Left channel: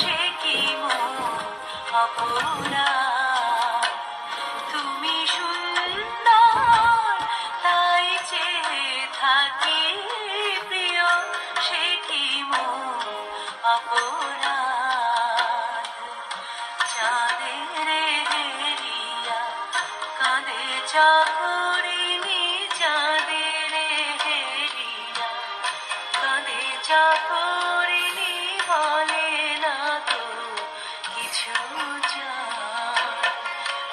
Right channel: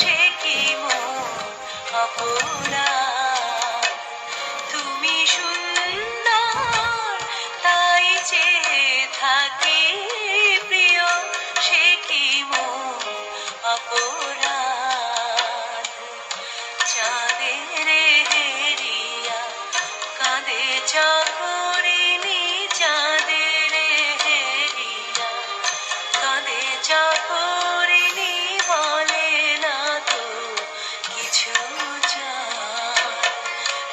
সে কি মন অপরাধ। তুমি সুন্দর তাই চেয়ে থাকি প্রিয়, সে কি মন অপরাধ। চাঁদের হেরিয়া কাঁদে চাকরিনি, চাঁদের হেরিয়া কাঁদে চাকরিনি, বলে না তো কিছু চায়।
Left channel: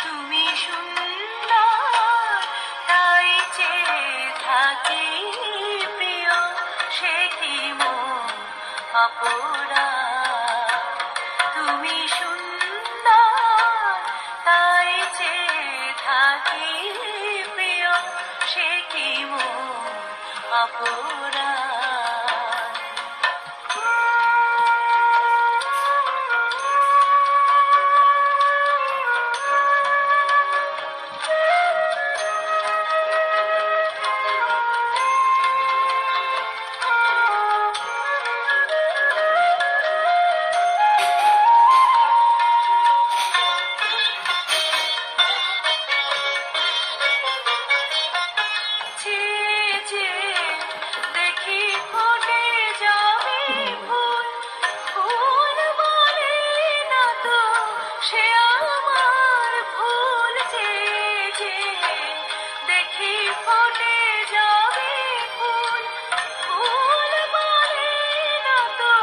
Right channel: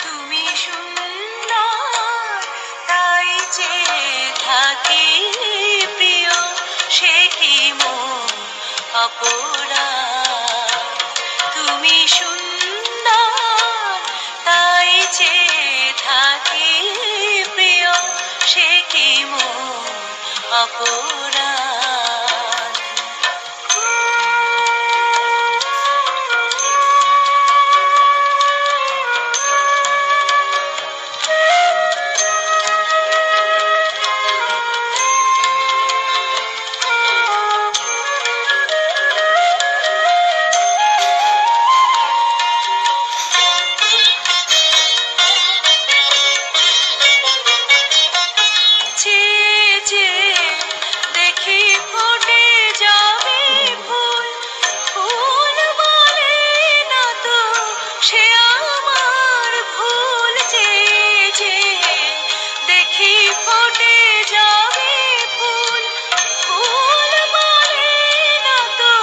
তুমি সুন্দর তাই চেয়ে থাকি প্রিয়, সে কি মন অপরাধ। তুমি সুন্দর তাই চেয়ে থাকি প্রিয়, সে কি মন অপরাধ। দেখি ফুটে যাবে ফুল, ফুল বলে না তো সে আমার ভুল। যে দেখি ফুটে যাবে ফুল, ফুল বলে না তো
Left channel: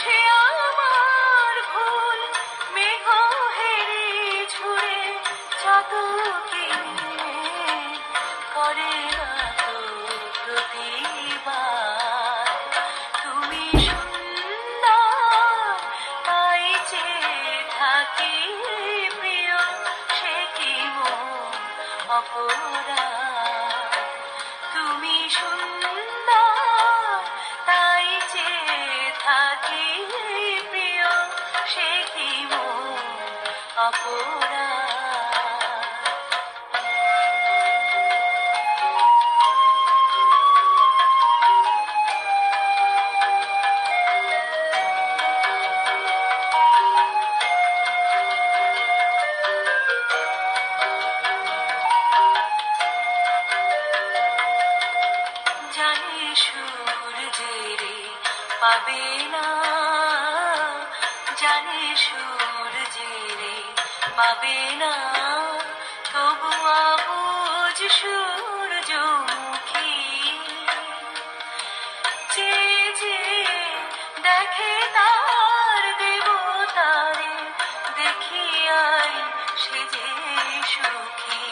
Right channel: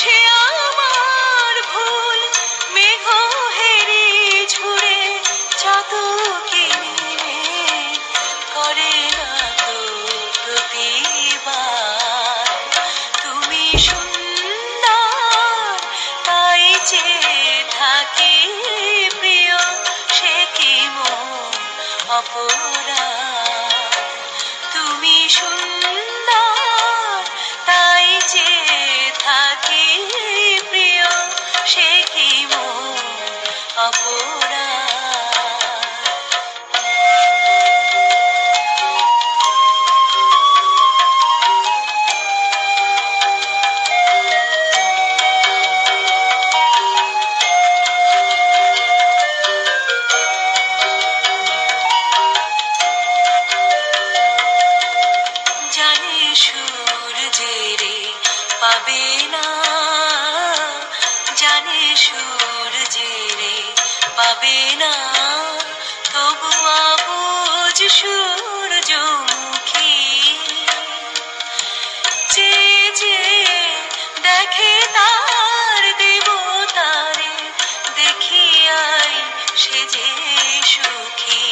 সে আমার ভুল। মেঘ হেরি ঝুড়ে চাতকি করে না তো প্রতিবার। তুমি সুন্দর তাই চেয়ে থাকি প্রিয়, সে কি মন অপরাধ। তুমি সুন্দর তাই চেয়ে থাকি প্রিয়, সে কি মন অপরাধ। জানে সূর্যেরে পাবে না, জানে সূর্যেরে পাবে না, তবু আবুজ সূর্যমুখী যে দেখে তার দেবতারে দেখিয়াই সে যে সুখী।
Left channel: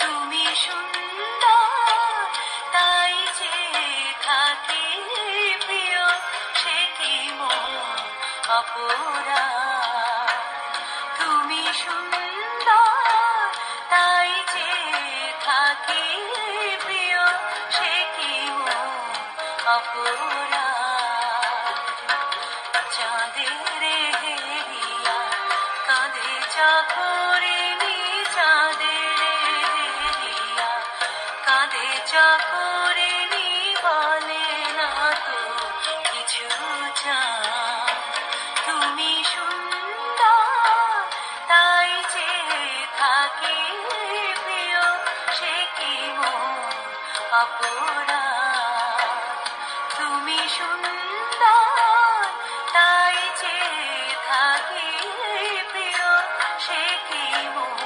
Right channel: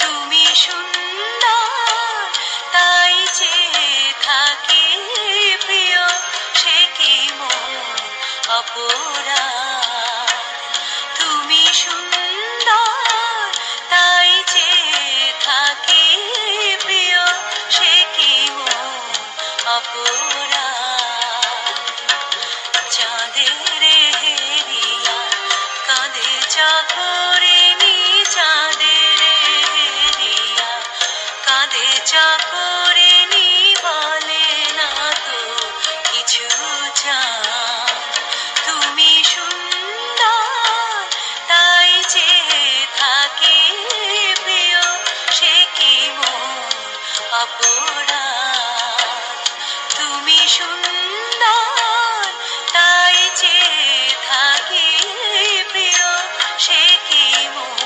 তুমি সুন্দর তাই চেয়ে থাকি প্রিয়, সে কি মন অপরাধ। তুমি সুন্দর তাই চেয়ে থাকি প্রিয়, সে কি মন অপরাধ। চাঁদের হেরিয়া কাঁদে চাকরিনি, চাঁদের হেরিয়া কাঁদে চাকরিনি, বলে না তো কিছু চায়। তুমি সুন্দর তাই সে কি মন